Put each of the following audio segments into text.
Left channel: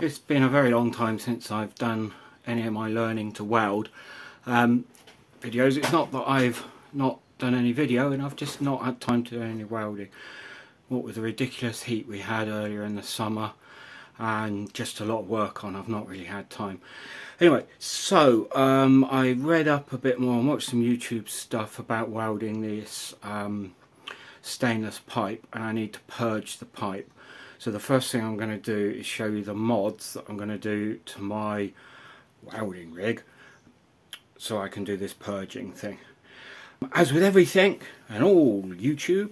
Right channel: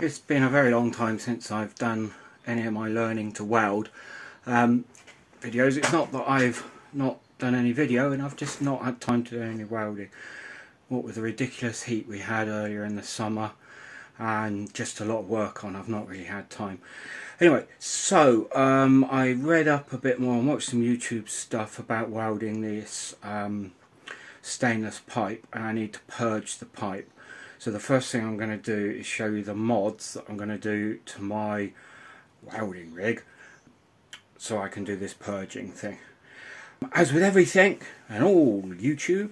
It's been a very long time since I've done any of my learning to weld videos. It's not that I've not done any video, and I've just not had time to do any welding. What with the ridiculous heat we had earlier in the summer and just a lot of work on, I've not really had time. Anyway, so I read up a bit more and watched some YouTube stuff about welding this stainless pipe, and I need to purge the pipe. So the first thing I'm going to do is show you the mods that I'm going to do to my welding rig so I can do this purging thing. As with everything and all YouTube,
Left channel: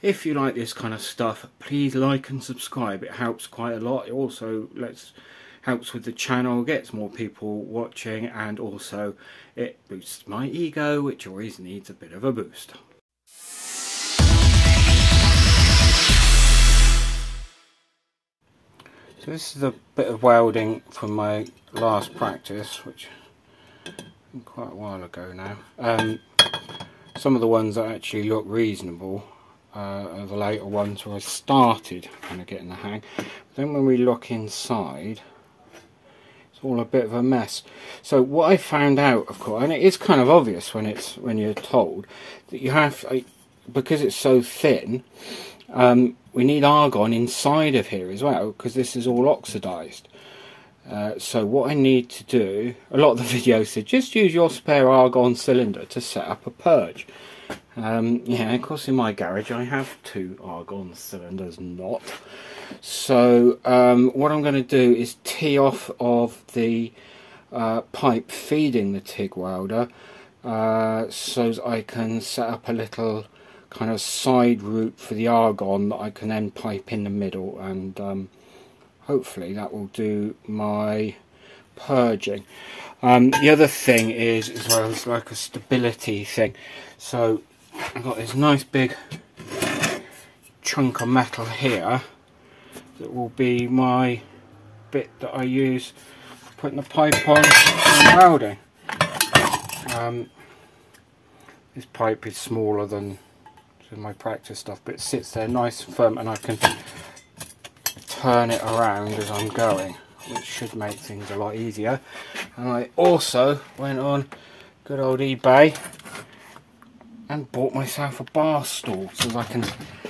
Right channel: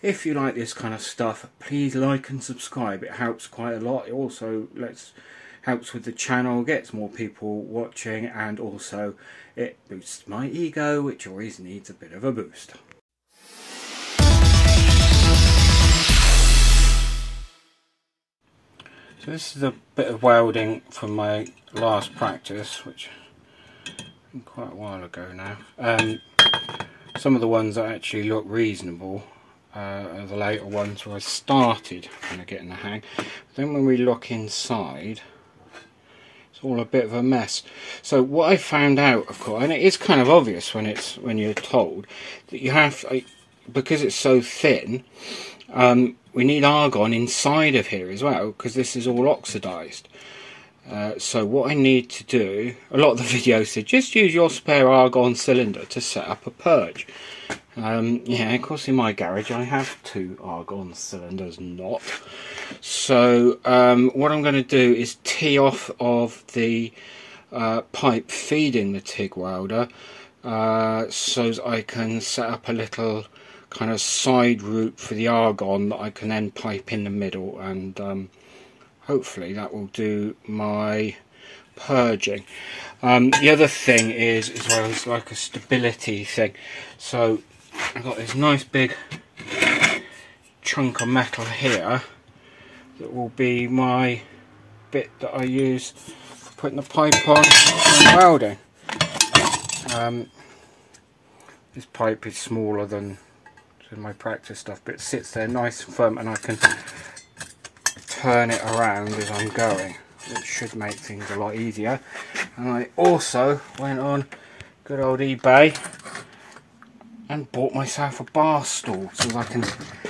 if you like this kind of stuff, please like and subscribe. It helps quite a lot. It also helps with the channel, gets more people watching, and also it boosts my ego, which always needs a bit of a boost. So this is a bit of welding from my last practice, which been quite a while ago now. Some of the ones that actually look reasonable are the later ones where I started kind of getting the hang. But then when we look inside, it's all a bit of a mess. So what I found out, of course, and it is kind of obvious when you're told, that you have, because it's so thin, we need argon inside of here as well, because this is all oxidized. So what I need to do, a lot of the videos said just use your spare argon cylinder to set up a purge. Yeah, of course in my garage I have 2 argon cylinders, not. So what I'm going to do is tee off of the pipe feeding the TIG welder so that I can set up a little kind of side route for the argon that I can then pipe in the middle, and hopefully that will do my purging. The other thing is, as well, it's like a stability thing. So I've got this nice big chunk of metal here that will be my bit that I use for putting the pipe on and welding. This pipe is smaller than my practice stuff, but it sits there nice and firm, and I can turn it around as I'm going, which should make things a lot easier. And I also went on good old eBay and bought myself a bar stool so that I can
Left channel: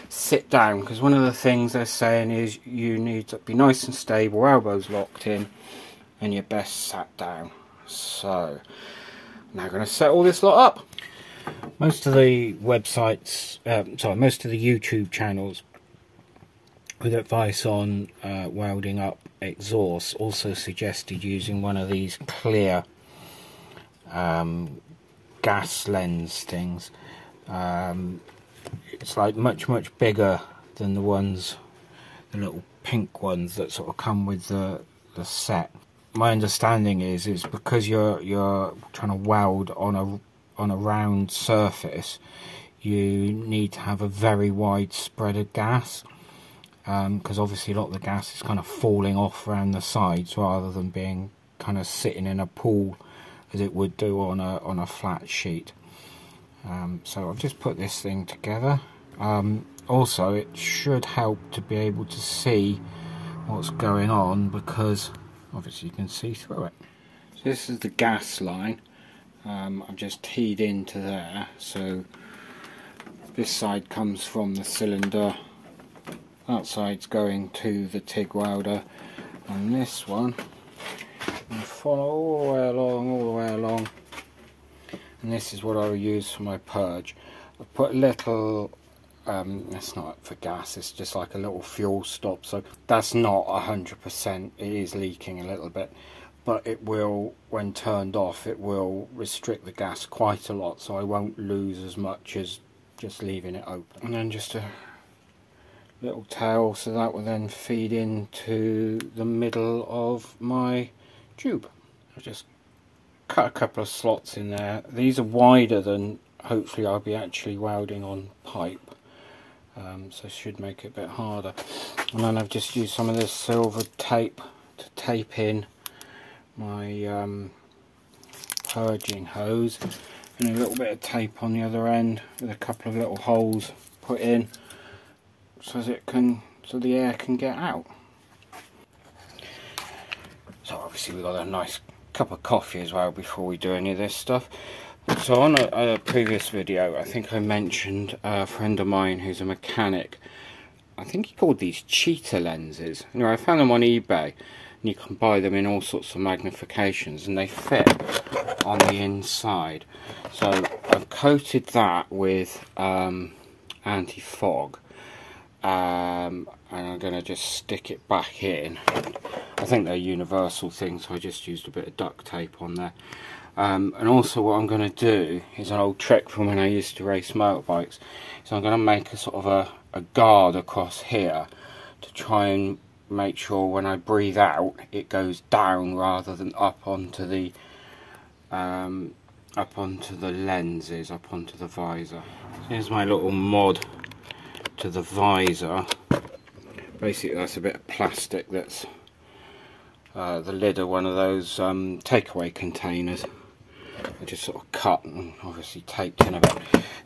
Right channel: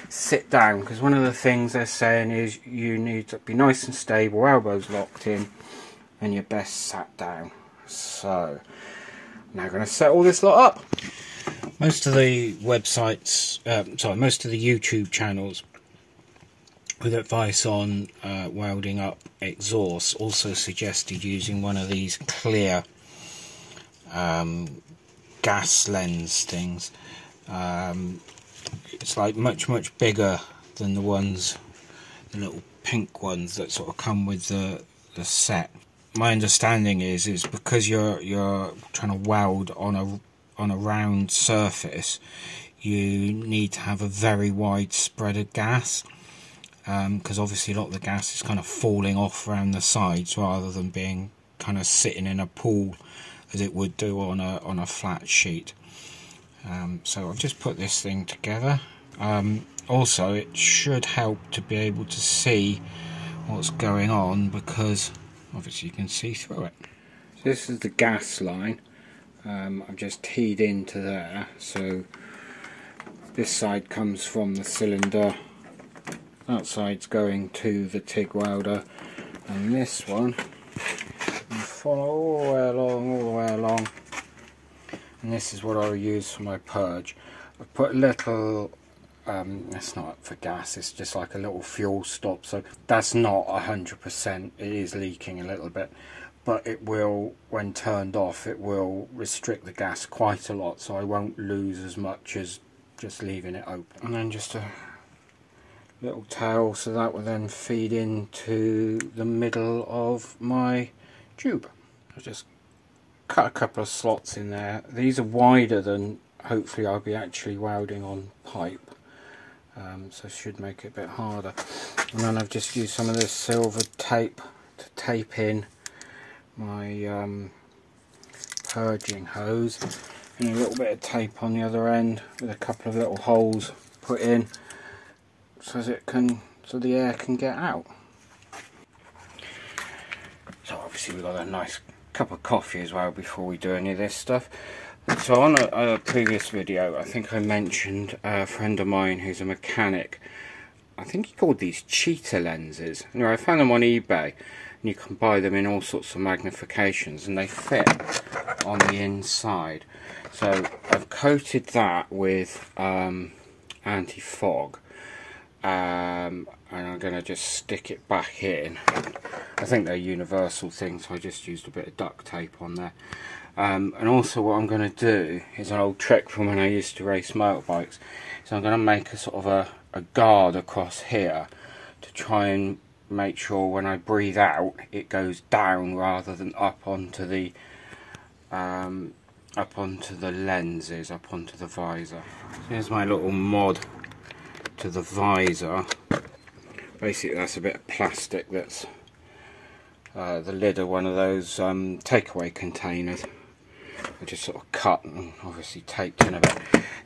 sit down, because one of the things they're saying is you need to be nice and stable, elbows locked in, and you're best sat down. So I'm now going to set all this lot up. Most of the websites, most of the YouTube channels with advice on welding up exhausts also suggested using one of these clear gas lens things. It's like much bigger than the ones, the little pink ones that sort of come with the set. My understanding is because you're trying to weld on a round surface, you need to have a very wide spread of gas, because obviously a lot of the gas is kind of falling off around the sides rather than being kind of sitting in a pool as it would do on a flat sheet. So I've just put this thing together. Also, it should help to be able to see what's going on, because obviously you can see through it. So this is the gas line. I've just teed into there, so this side comes from the cylinder, that side's going to the TIG welder, and this one will follow all the way along, and this is what I'll use for my purge. I put a little, it's not for gas, it's just like a little fuel stop, so that's not 100%, it is leaking a little bit. But it will, when turned off, it will restrict the gas quite a lot, so I won't lose as much as just leaving it open. And then just a little tail, so that will then feed into the middle of my tube. I'll just cut a couple of slots in there. These are wider than hopefully I'll be actually welding on pipe, so should make it a bit harder. And then I've just used some of this silver tape to tape in my purging hose, and a little bit of tape on the other end with a couple of little holes put in so the air can get out. obviously we've got a nice cup of coffee as well before we do any of this stuff. So on a previous video, I think I mentioned a friend of mine who's a mechanic. I think he called these cheetah lenses. Anyway, I found them on eBay, and you can buy them in all sorts of magnifications, and they fit on the inside. So I've coated that with anti-fog, and I'm going to just stick it back in. I think they're universal things, so I just used a bit of duct tape on there. And also what I'm going to do is an old trick from when I used to race motorbikes. So I'm going to make a sort of a guard across here to try and make sure when I breathe out it goes down rather than up onto the lenses, up onto the visor. So here's my little mod to the visor. Basically that's a bit of plastic that's the lid of one of those takeaway containers. I just sort of cut and obviously taped in a bit.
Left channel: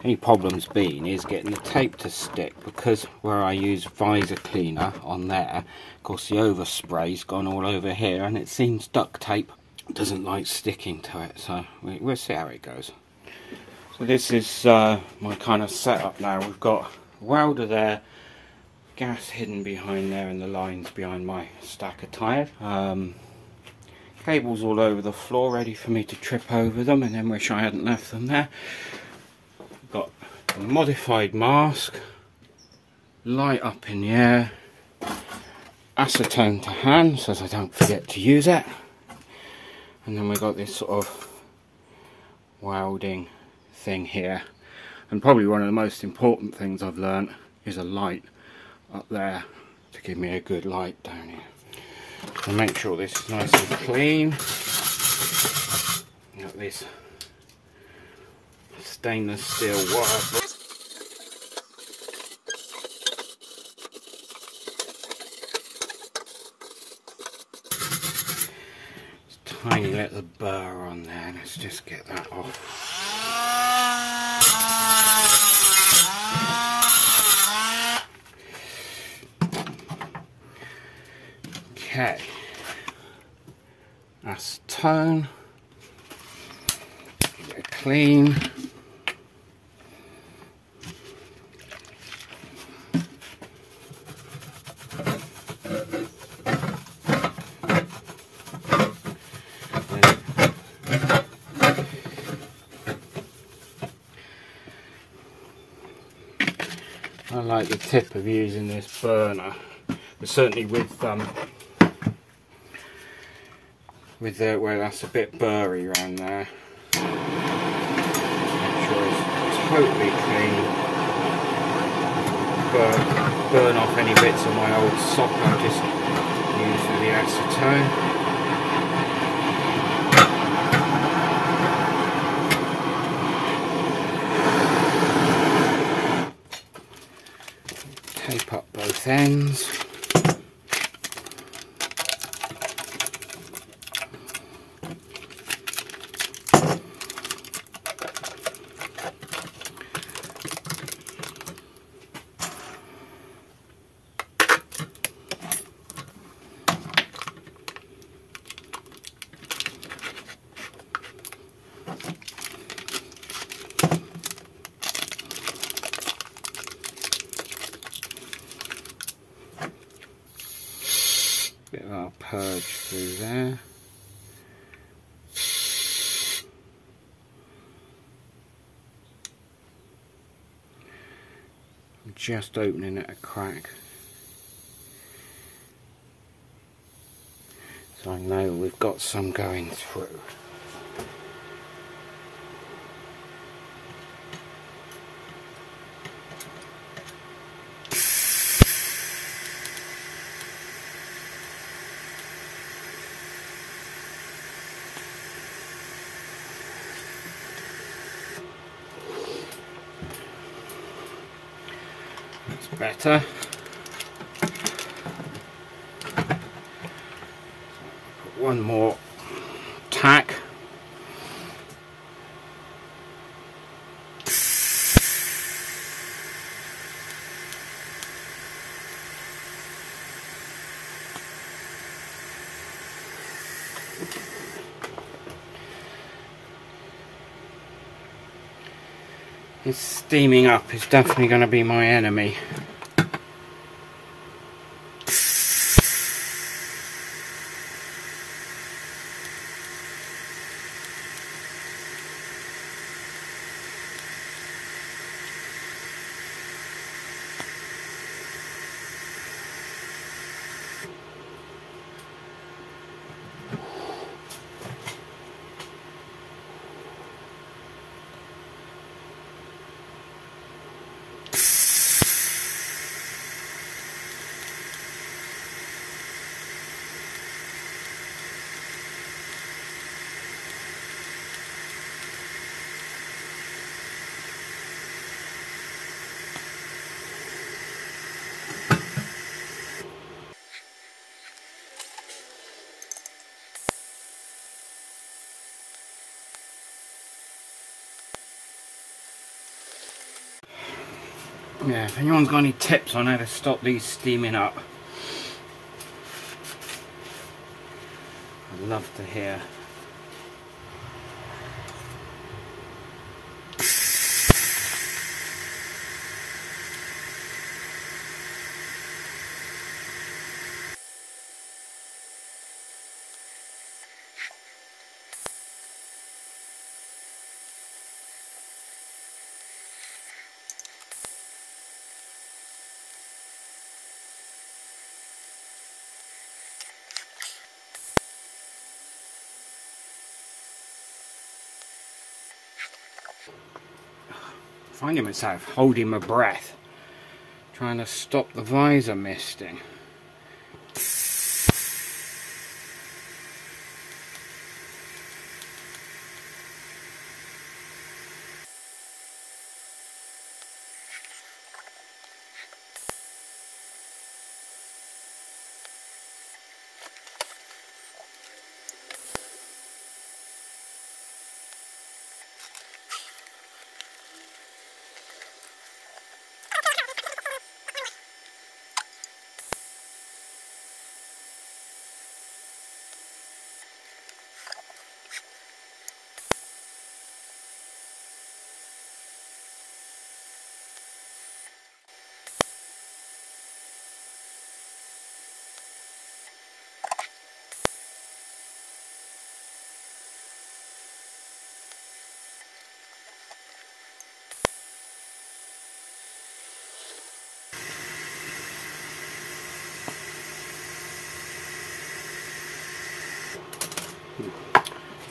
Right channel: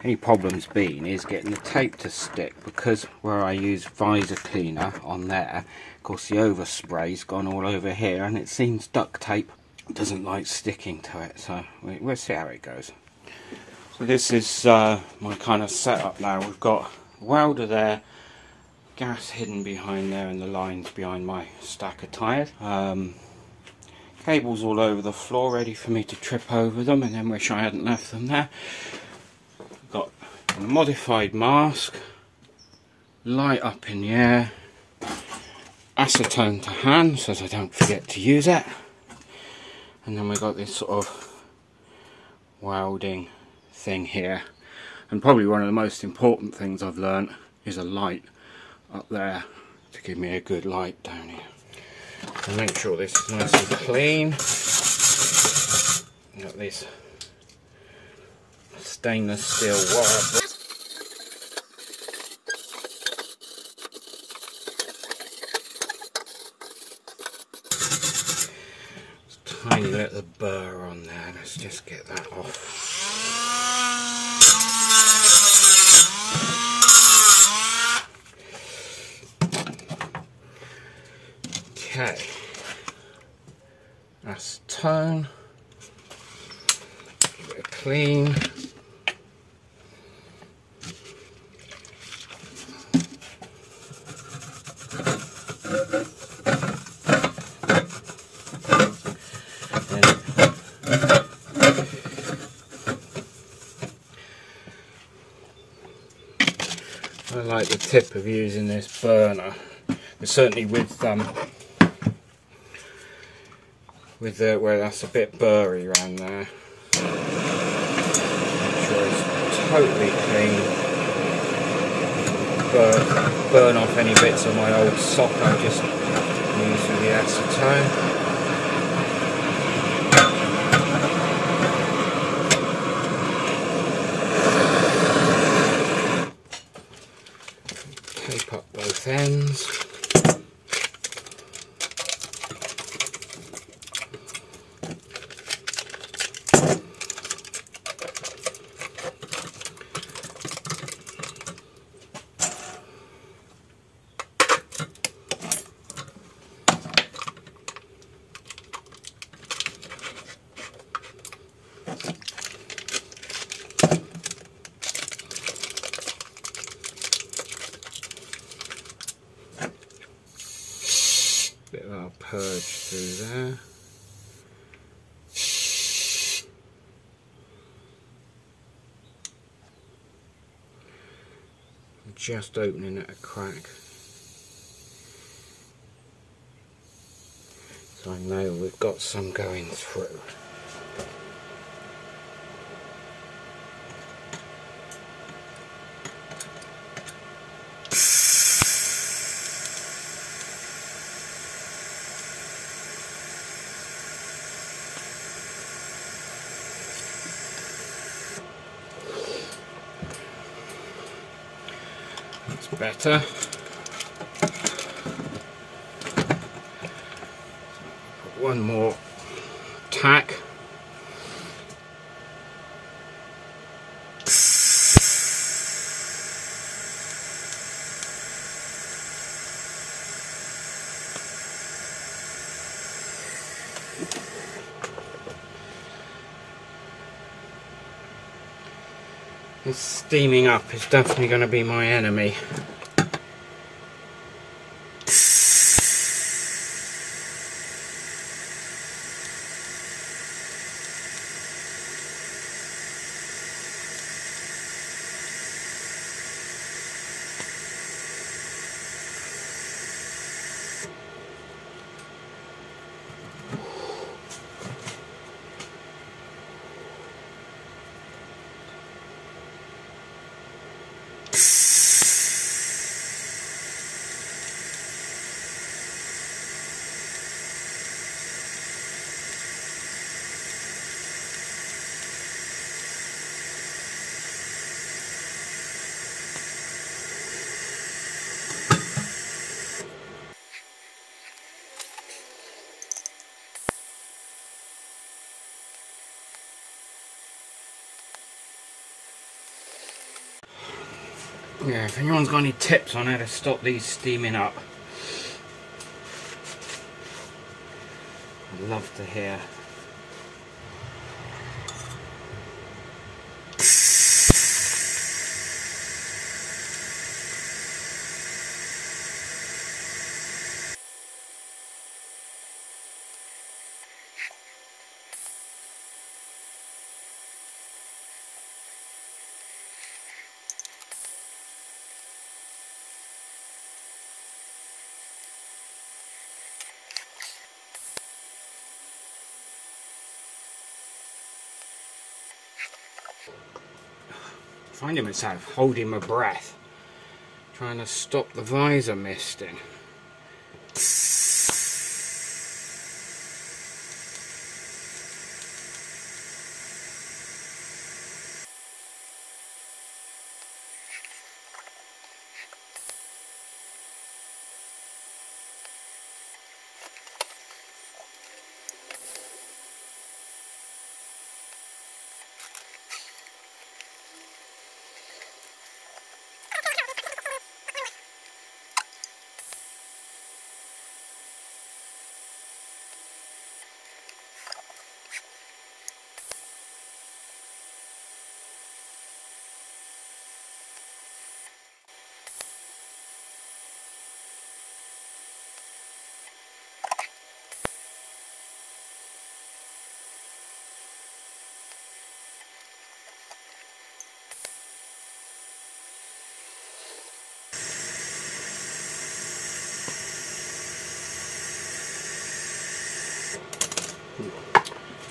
Any problem's been is getting the tape to stick, because where I use visor cleaner on there, of course the overspray's gone all over here, and it seems duct tape doesn't like sticking to it, so we'll see how it goes. So this is my kind of setup now. We've got a welder there, gas hidden behind there, and the lines behind my stack of tyres. Cables all over the floor ready for me to trip over them and then wish I hadn't left them there. We've got a modified mask, light up in the air, acetone to hand so that I don't forget to use it, and then we've got this sort of welding thing here. And probably one of the most important things I've learnt is a light up there to give me a good light down here. And make sure this is nice and clean. Got this stainless steel wire. Tiny little burr on there. Let's just get that off. Okay, acetone, a bit of clean. I like the tip of using this burner, but certainly with where that's a bit burry around there. Make sure it's totally clean. Burn off any bits of my old sock I just used with the acetone. Tape up both ends. Bit of our purge through there. I'm just opening it a crack, so I know we've got some going through. Better. One more tack. This steaming up is definitely going to be my enemy. Yeah, if anyone's got any tips on how to stop these steaming up, I'd love to hear. Finding myself holding my breath, trying to stop the visor misting.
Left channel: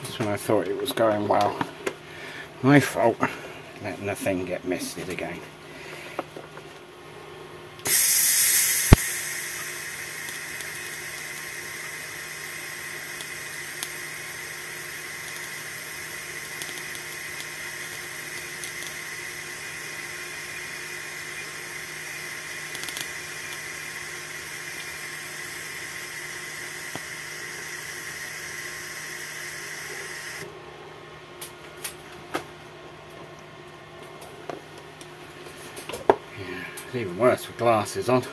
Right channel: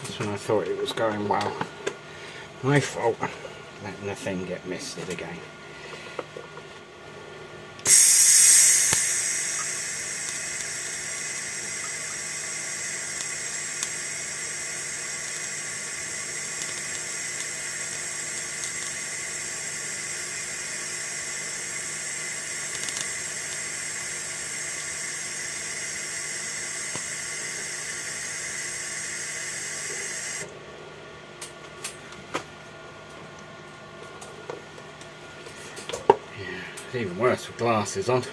That's when I thought it was going well. My fault, letting the thing get misted again. It's even worse with glasses on.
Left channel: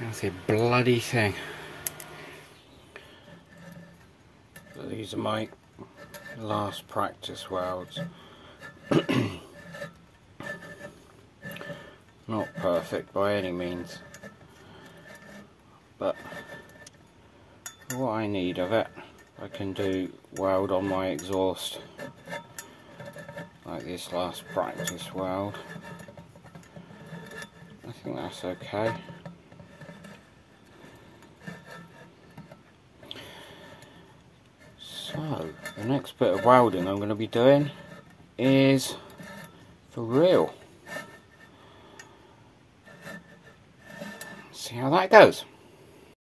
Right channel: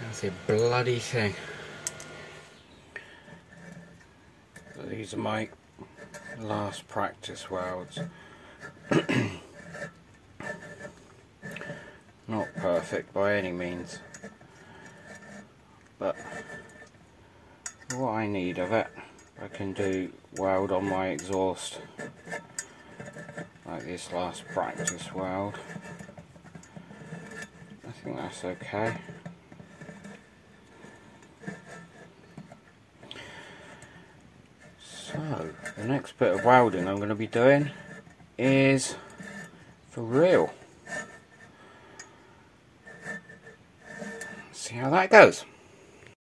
That's a bloody thing. So these are my last practice welds. Not perfect by any means, but for what I need of it, I can do weld on my exhaust like this last practice weld. I think that's okay. So the next bit of welding I'm going to be doing is for real. See how that goes.